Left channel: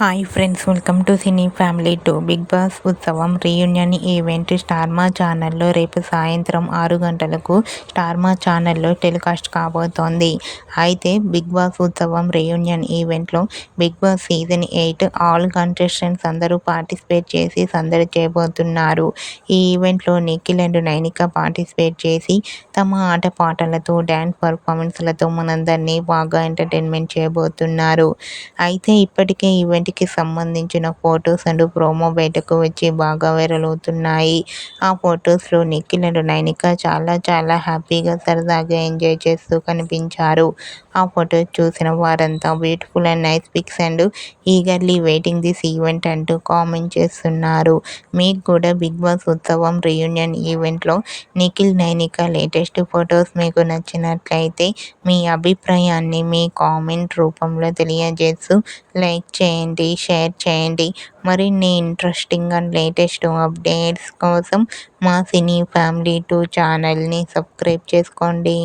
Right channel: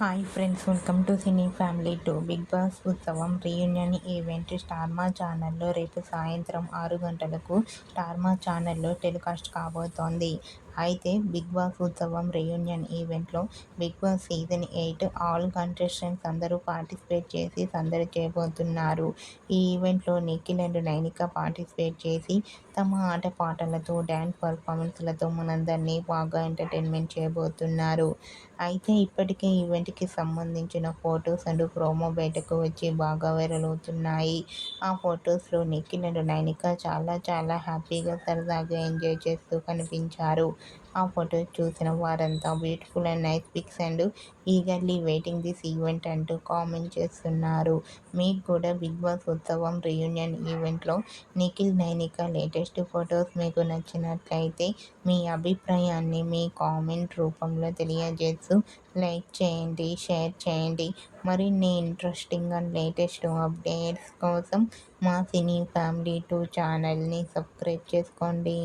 Hi friends, welcome to cine family 2. Big boss ఉత్సవం reunion event star Maa ఛానల్లో రేపు సాయంత్రం 6 గంటలకు స్టార్ మా ఛానల్లో టెలికాస్ట్ కాబోతోంది. అయితే బిగ్ బాస్ ఉత్సవం రీయూనియన్ ఈవెంట్లో big boss season 8 all contestants అందరూ పార్టిసిపేట్ చేసి సందడి చేయబోతున్నారు. ఈ ఈవెంట్లో నిఖిల్ అండ్ నైనిక పార్టిసిపేట్ చేసి తమ ఆటపాటలతో డ్యాన్స్ పర్ఫార్మెన్స్లతో మనందరినీ బాగా ఎంటర్టైన్మెంట్ చేయబోతున్నారు. అయితే ఇప్పటికే ఈవెంట్కి సంబంధించిన ఫొటోస్ అండ్ ప్రోమో బయటకు వచ్చి బాగా వైరల్ అవుతున్నాయి. ఆ ఫొటోస్లో నిఖిల్ అండ్ నైనిక చాలా హ్యాపీగా సరదాగా ఎంజాయ్ చేస్తూ కనిపించారు. ఆ ఫొటోస్ చూసిన వారంతా beautiful and nice pics and eagerly waiting this event అంటూ కామెంట్ చేస్తున్నారు. మీకు కూడా బిగ్ బాస్ ఉత్సవం రీయూనియన్ ఈవెంట్లో నిఖిల్ నైనిక లేటెస్ట్ ఫొటోస్ మీకు నచ్చినట్లయితే మీ అభిప్రాయాన్ని మీ కామెంట్ రూపంలో తెలియజేస్తూ లైక్ చేయండి, షేర్ చేయండి. మరిన్ని ఇంట్రెస్టింగ్ అండ్ లేటెస్ట్ అప్డేట్స్ కోసం మా సినీ ఫ్యామిలీ 2 ఛానల్ని సబ్స్క్రైబ్ చేసుకోండి.